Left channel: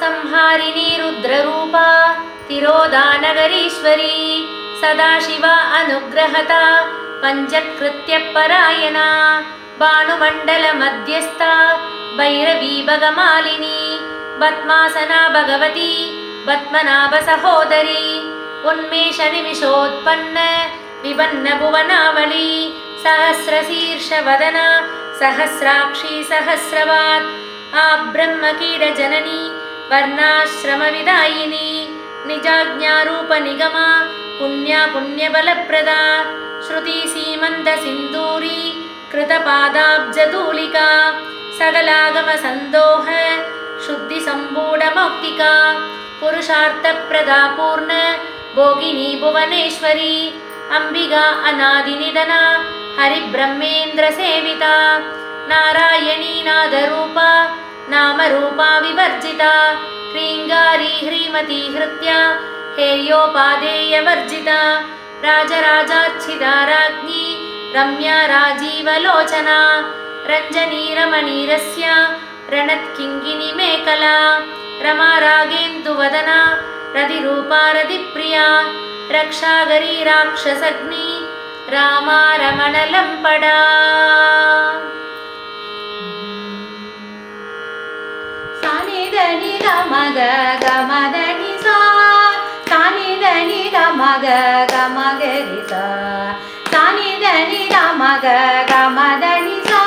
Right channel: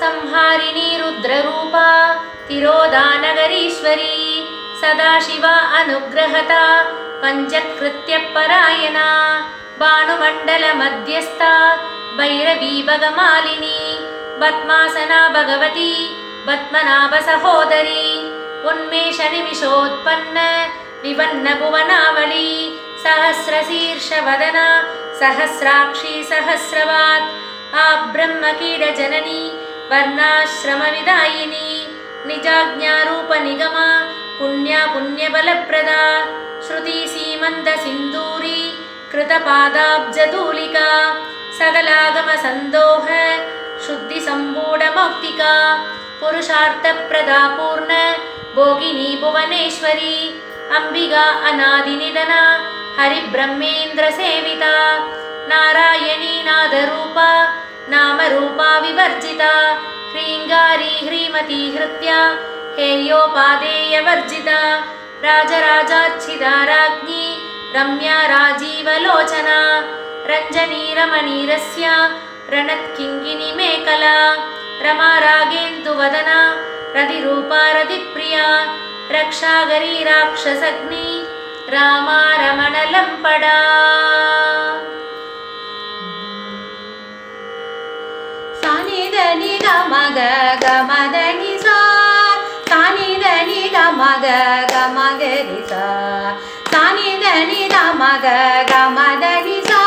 संहारिणी रुद्ररूपा तिरोधानगरीश्वरी सदाशिवा अनुग्रहता पञ्चकृत्यपरायणा भानुमण्डलमध्यस्था भैरवी भगमालिनी पद्मासना भगवती पद्मनाभसहोदरी उन्मेषनिमिषोत्पन्न विपन्नभुवनावली सहस्रशीर्षवदना सहस्राक्षी सहस्रवात् आब्रह्मकीरजननी वर्णाश्रमविदायिनी निजाज्ञारूपनिगमा पुण्या पुण्यबलप्रदा श्रुतिसीमन्तसिन्दूरी कृतपादाब्जधूलिका सकलागमसन्दोह शुद्धिसम्पूढमौक्तिका पुरुषार्थप्रदा पूर्ण भोगिनी भुवनेश्वरी अंबिका अनादिनिधना हरिब्रह्मेन्द्रसेविता नारायणी नादरूपा नामरूपा विवर्जिता ह्रीङ्गारी ह्रीमती हृत्या हेयोपादेयवर्जिता राजराजार्चिता राज्ञी रम्या राजीवलोचना रञ्जनी रमणीरस्या रणत्किङ्किणी मेखला रमा रागेन्दुवदना रतिरूपा रतिप्रिया रक्षागरी राक्षसग्नि रामा रमणलम्पडा सानिधनि गमग गमदनि सा सानिधनि गमग गमगरि सा सानिधनि गमग गमदनि सा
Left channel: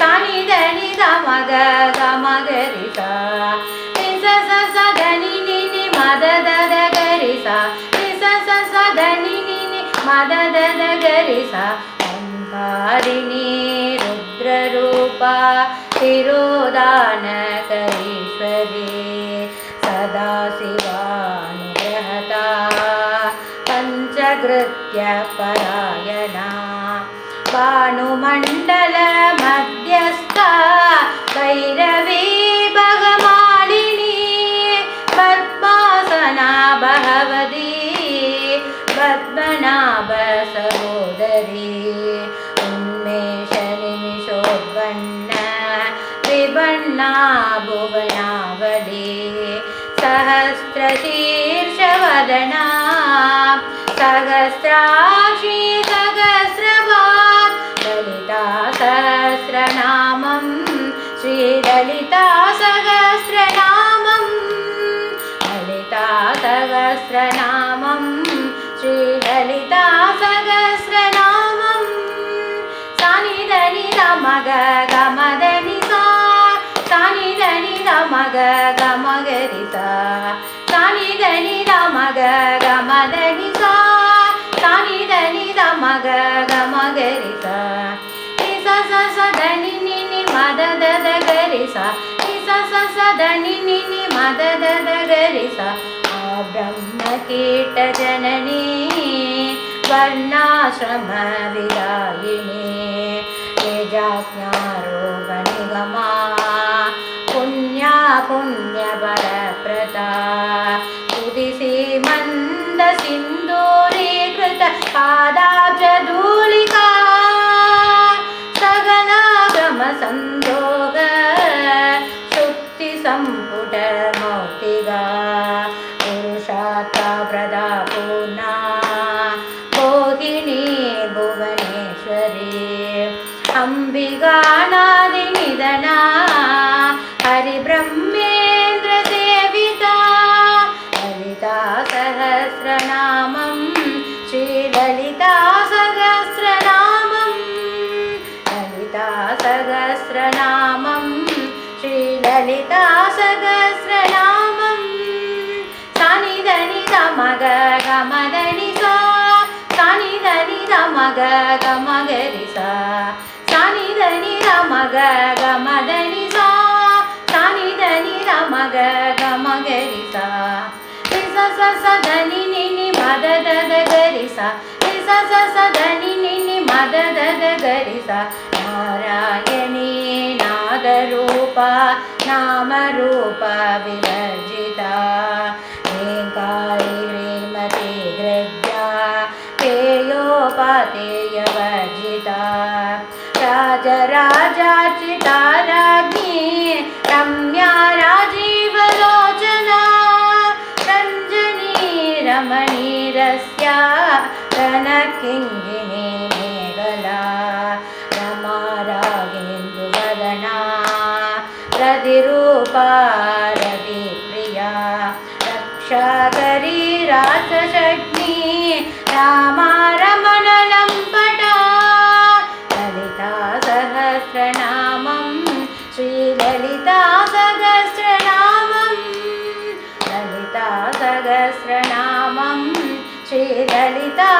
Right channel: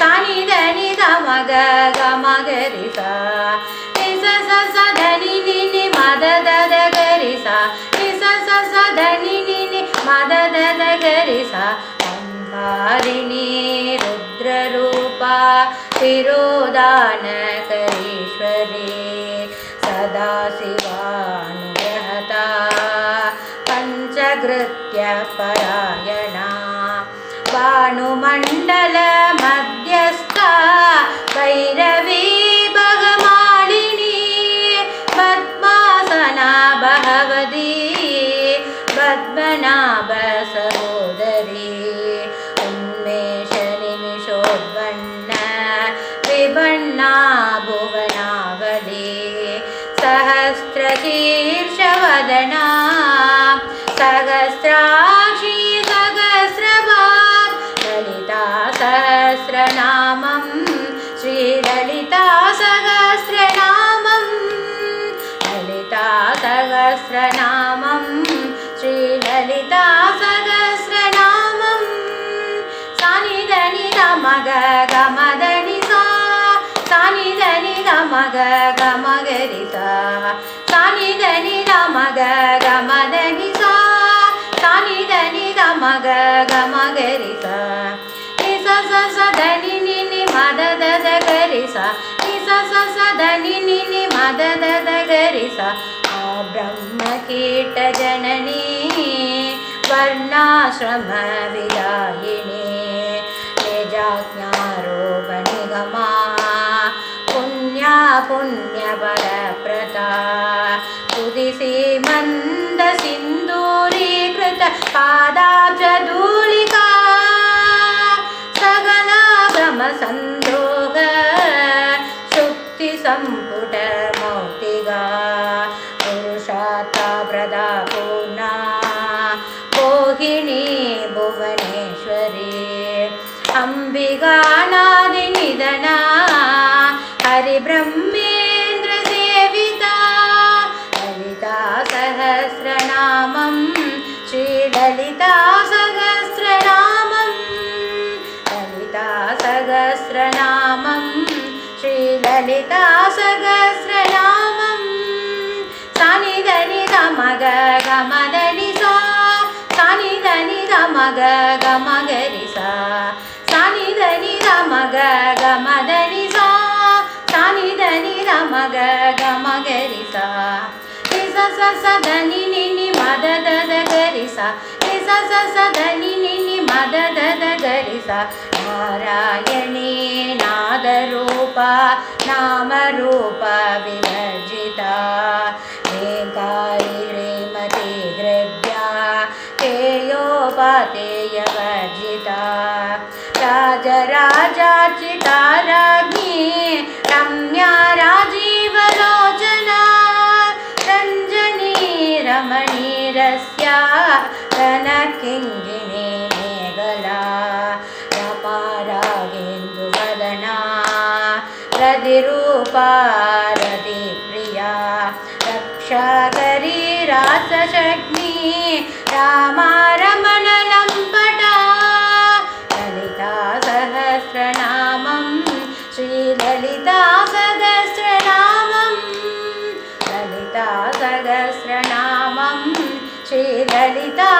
सानिधनि गमग गमगरि सा निस स धनि नि मद दद गरि सा निस स धनि नि मद दद गरि सा अंधारिणी रुद्ररूपा तिरोधानकरीश्वरी सदाशिवानुग्रहता पञ्चकृत्यपरायणा भानुमण्डलमध्यस्था भैरवी भगमालिनी पद्मासना भगवती पद्मनाभसहोदरी उन्मेषनिमिषोद्वन्न विपन्ना भुवनावली सहस्रशीर्षवदना सहस्राक्षी सहस्रवात् ललिता सहस्रनामं श्रीललिता सहस्रनामं ललिता सहस्रनामं श्रीललिता सहस्रनामं सानिधनि गमग गमदनि सा सानिधनि गमग गमगरि सा सानिधनि गमग गमदनि सा सानिधनि गमग गमगरि सा निस स धनि नि मद दद गरि सा निस स धनि नि मद दद गरि सा ब्रह्मकीटजननी वर्णाश्रमविदायिनी निजाज्ञारोपनिगमा पुण्या पुण्यबलप्रदा स्तुतिसीमन्तसिन्दूरीकृत पादाब्जधूलिका सकलागमसन्दोह शुद्धिसम्पुटमौक्तिका पुरुषार्थप्रदा पूर्णा मोहिनी भुवनेश्वरी अंबिकानादिनिधना हरिब्रह्मेन्द्रसेविता ललिता सहस्रनामं श्रीललिता सहस्रनामं ललिता सहस्रनामं श्रीललिता सहस्रनामं सानिधनि गमग गमदनि सा सानिधनि गमग गमगरि सा सानिधनि गमग गमदनि सा सानिधनि गमग गमगरि सा निस स धनि नि मद दद गरि सा निस स धनि नि मद दद गरि सा नारायणी नादरूपा नामरूपा विवर्जिता ह्रीङ्गारी हृद्या हेयोपादेयवर्जिता राजराजार्चिता राज्ञी रम्या राजीवलो रम्याराजीवलोचनरम्याराजीवलोचनस्य रणकिङ्गिनी मेखला रमा रागेन्दुवदना रतिरूपा रतिप्रिया रक्षाकरी रासशग्नी रामा रमणलम्पटा ललिता सहस्रनामं श्रीललिता सहस्रनामं ललिता सहस्रनामं श्रीललिता